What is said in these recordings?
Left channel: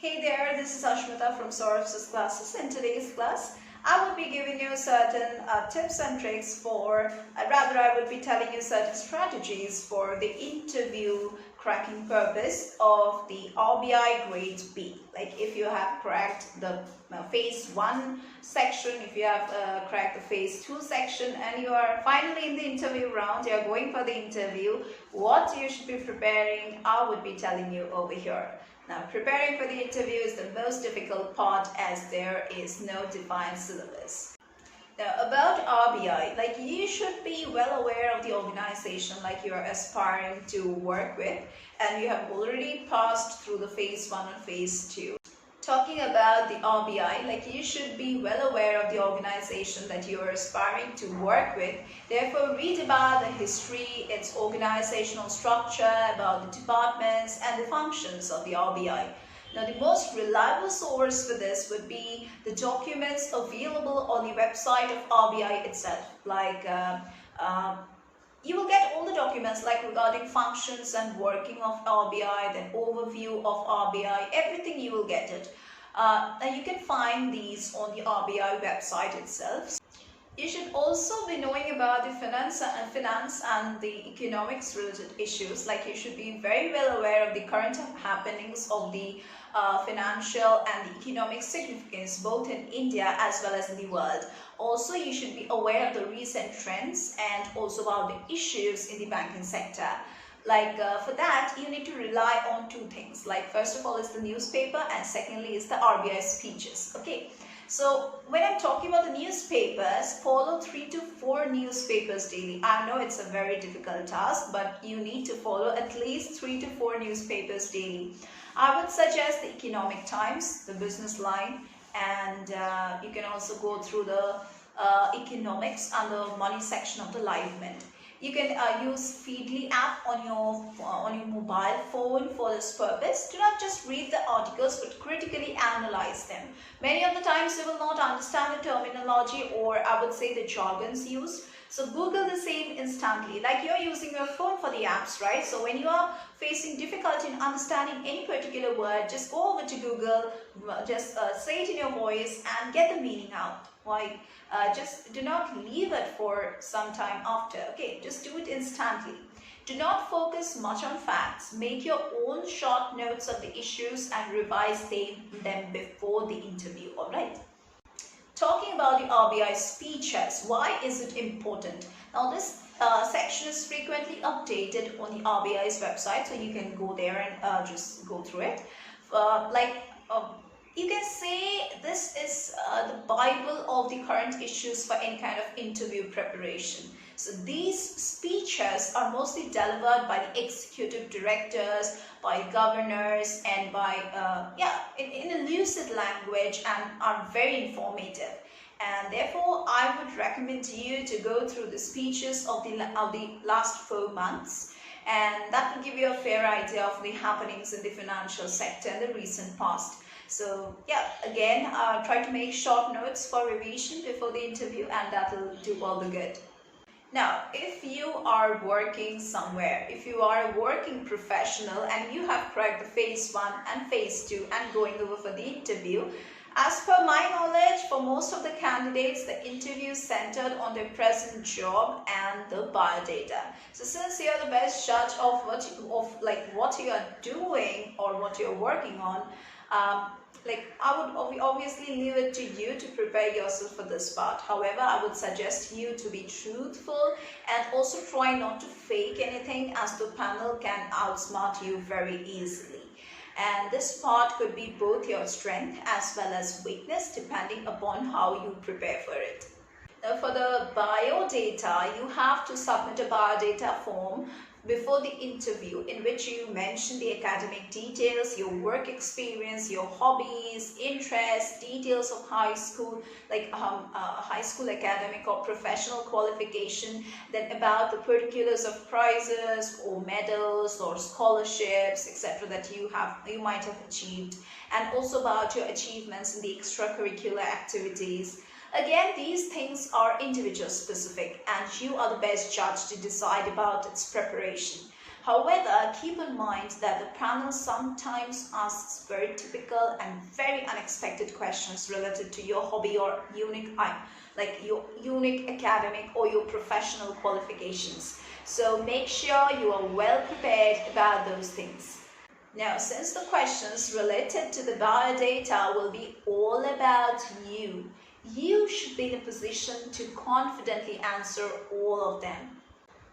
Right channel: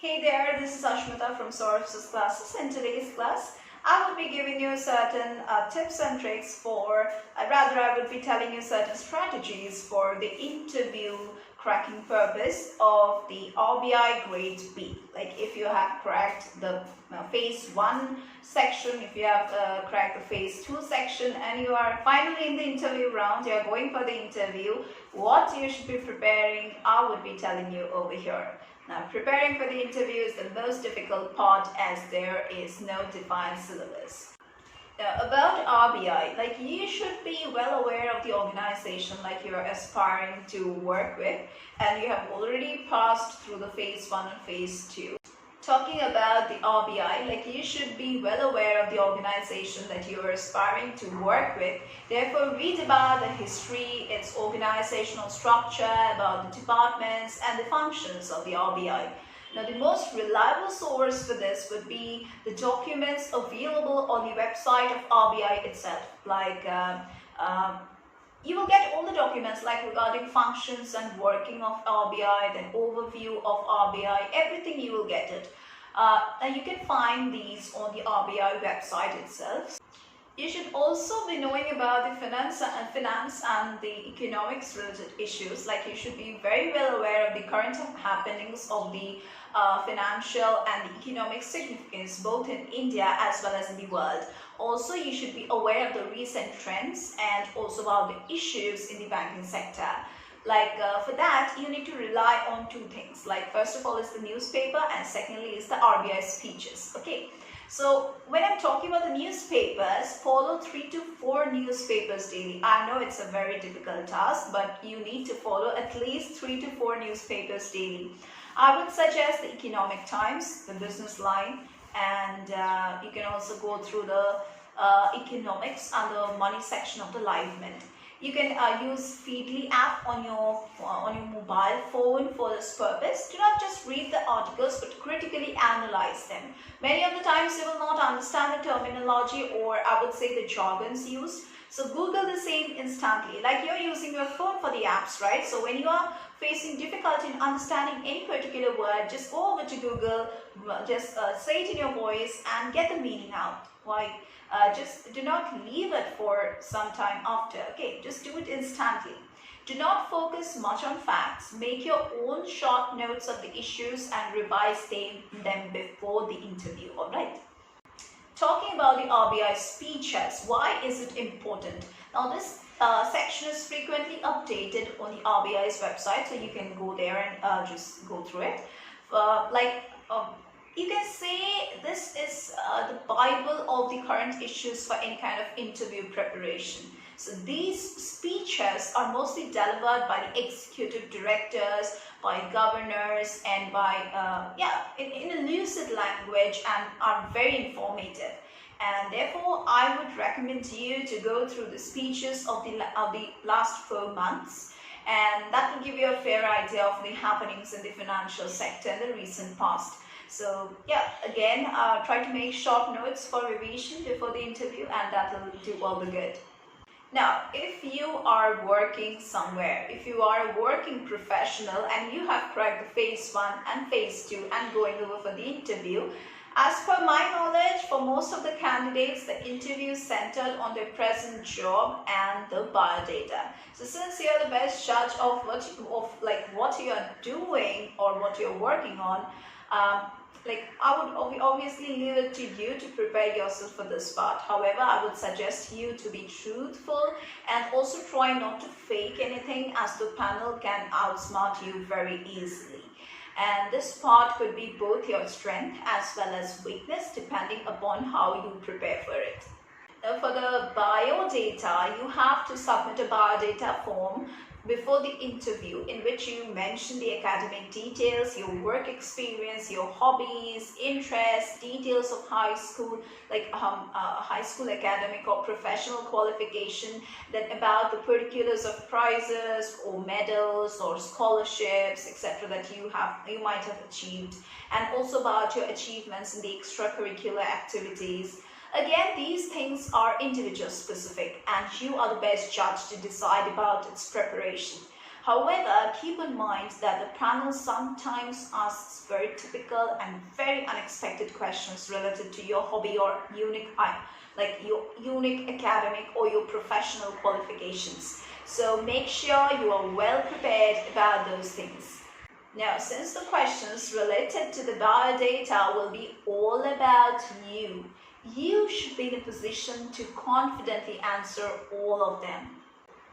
Hey there, this is Ashmita from Saurav's classes. In today's class, I will be giving you certain tips and tricks I will be telling you certain strategies for the interview cracking purpose of the RBI Grade B. Like if you have cracked the phase 1 section, if you have cracked the phase 2 section and you are finally in the interview round, you are going for the interview, what you should be preparing, I would be telling you over here. Now, preparing for the interview is the most difficult part as there is no defined syllabus. Now, about RBI, like you should be well aware of the organization like you are aspiring to work with, and you have already passed through the phase 1 and phase 2. Talking about the RBI, like you should be well aware of the organization that you are aspiring to work with. Therefore, read about the history, its organizational structure, about the departments and the functions of the RBI. Now, the most reliable source for this would be the documents available on the website of RBI itself. You will get all the documents like regarding functions and working of RBI, then overview of RBI, everything you will get it. And you can find these on the RBI website itself. You should also be knowing about the finance and the economics related issues. Like you should be very well aware of the current happenings of the financial and the economic significance both in India as well as in the world. Also, you should be aware of the recent trends and also about the issues in the banking sector. For that, you need to rely on two things. Like first of all is the newspaper and secondly is the RBI speeches. Okay. So when I'm talking about the newspapers, follow 3 to 4 newspapers daily. I know it's a very difficult task, but you need to follow at least 3 to 4 newspapers daily. I would suggest the Economic Times, the Business Line, and you can also go through the economics and the money section of the Live Mint. You can use Feedly app on your mobile phone for this purpose. Do not just read the articles but critically analyze them. Many of the times you will not understand the terminology or I would say the jargons used. So Google the same instantly. Like you're using your phone for the apps, right? So when you are facing difficulty in understanding any particular word, just go over to Google, just say it in your voice and get the meaning out. Why? Just do not leave it for some time after. Okay, just do it instantly. Do not focus much on facts. Make your own short notes of the issues and revise them before the interview. All right. Talking about the RBI speeches, why is it important? Now this section is frequently updated on the RBI's website, so you can go there and just go through it. You can say this is the Bible of the current issues for any kind of interview preparation. So these speeches are mostly delivered by the executive directors, by governors and by, in a lucid language and are very informative. And therefore, I would recommend you to go through the speeches of the last 4 months. And that will give you a fair idea of the happenings in the financial sector in the recent past. So yeah, again, try to make short notes for revision before the interview and that will do all the good. Now, if you are working somewhere, if you are a working professional and you have cracked the phase 1 and phase 2 and going over for the interview, as per my knowledge, for most of the candidates, the interview is centered on their present job and the biodata. So since you're the best judge of what you are doing or what you're working on, I would obviously leave it to you to prepare yourself for this part. However, I would suggest you to be truthful and also try not to fake anything as the panel can outsmart you very easily. And this part could be both your strength as well as weakness depending upon how you prepare for it. Now for the biodata, you have to submit a biodata form before the interview in which you mention the academic details, your work experience, your hobbies, interests, details of high school, high school academic or professional qualification, then about the particulars of prizes or medals or scholarships, etc. that you might have achieved, and also about your achievements in the extracurricular activities. Again, these things are individual specific and you are the best judge to decide about its preparation. However, keep in mind that the panel sometimes asks very typical and very unexpected questions related to your hobby or unique, like your unique academic or your professional qualifications. So make sure you are well prepared about those things. Now, since the questions related to the biodata will be all about you, you should be in a position to confidently answer all of them.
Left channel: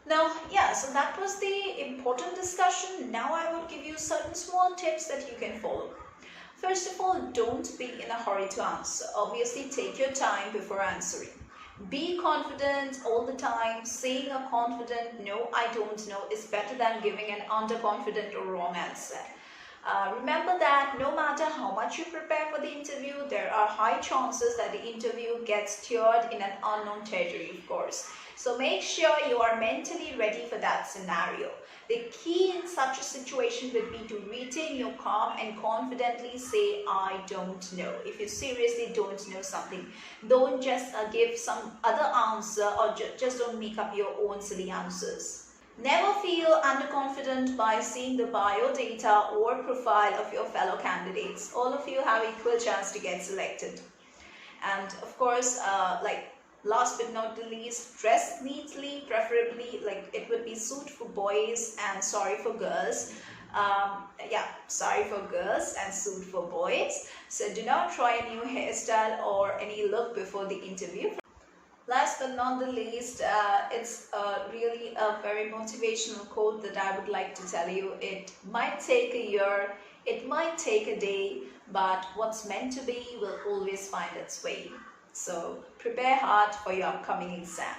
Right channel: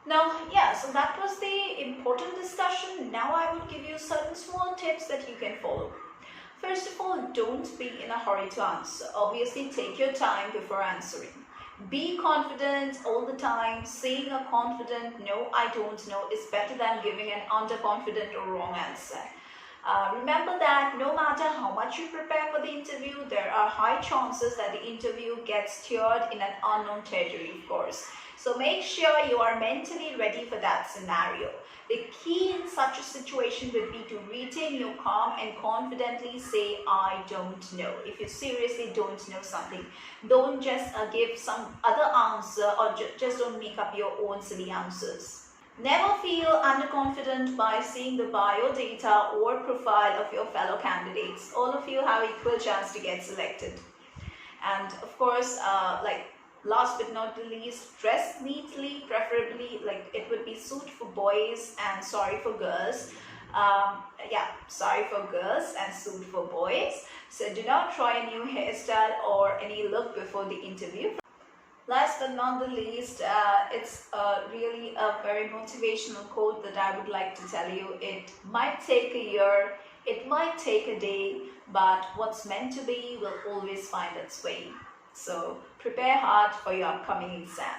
Now, yeah, so that was the important discussion. Now I would give you certain small tips that you can follow. First of all, don't be in a hurry to answer. Obviously, take your time before answering. Be confident all the time. Saying a confident "no, I don't know" is better than giving an underconfident or wrong answer. Remember that no matter how much you prepare for the interview, there are high chances that the interview gets steered in an unknown territory, of course. So make sure you are mentally ready for that scenario. The key in such a situation would be to retain your calm and confidently say, "I don't know." If you seriously don't know something, don't just give some other answer, or just don't make up your own silly answers. Never feel underconfident by seeing the bio data or profile of your fellow candidates. All of you have equal chance to get selected. And of course, last but not the least, dress neatly, preferably like it would be suit for boys and sorry for girls. Sorry for girls and suit for boys. So do not try a new hairstyle or any look before the interview. Last but not the least, it's really a very motivational quote that I would like to tell you. It might take a year, it might take a day, but what's meant to be will always find its way. So prepare hard for your upcoming exam.